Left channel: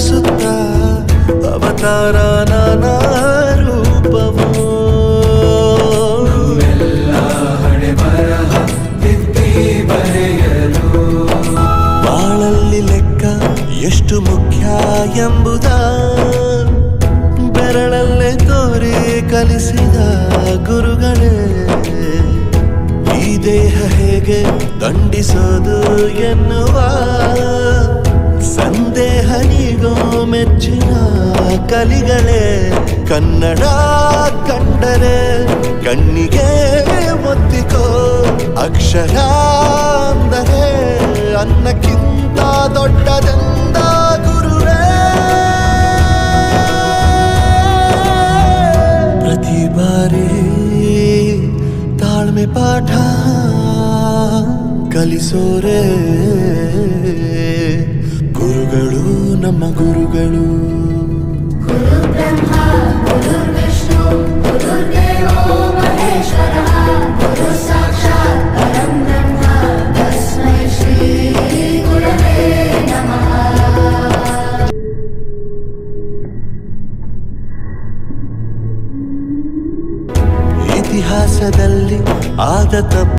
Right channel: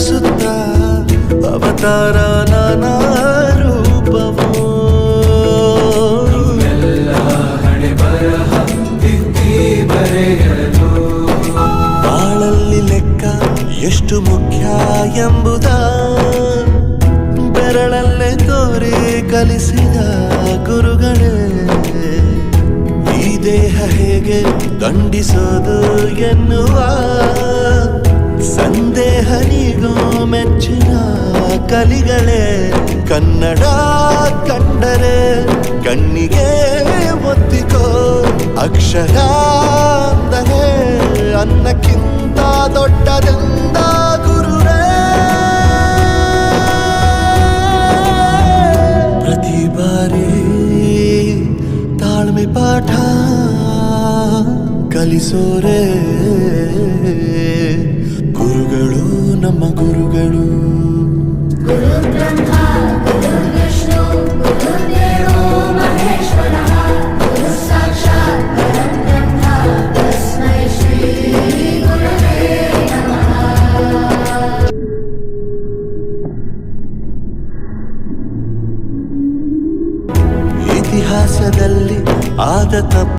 ಸುತ್ತ ಅವತಾರ ನಾನಾ ರೂಪವೋ ಬಾಳಲ್ಲಿ ಲೆಕ್ಕ ಎಷ್ಟು ಮುಖ್ಯ ಎಂಬುದ ಬೆರಳಲ್ಲೇ ತೋರಿ ಕಲಿಸಿದ ಗುರುಗಳೇ ಈ ದೇಹ ಹೇಗೆ ದಂಡಿಸೋದು ಎನ್ನುವ ಸಂದೇಹ ನೀಗೋ ಮೆಚ್ಚಿನ ಕಲಿಗಳೇ ಕನ್ನಡ ಕಂಡರೆ ಕಣ್ಣಿಗೆ ಒತ್ತಿಕೋ ಅಕ್ಷರ ಅಂದರೆ ಅನ್ನಕ್ಕಿಂತ ದೊಡ್ಡದೆಂದ ಗುರುವೇ ಪ್ರತಿ ಬಾರಿ ತಾಳ್ಮೆ ಪಾಠ ಕಲಿಸೋರೆ ಗುರುಗಳು ನಮ್ಮ ಗುರುಗಳು ಇತಿಹಾಸದಲ್ಲಿ ಆದ ತಪ್ಪು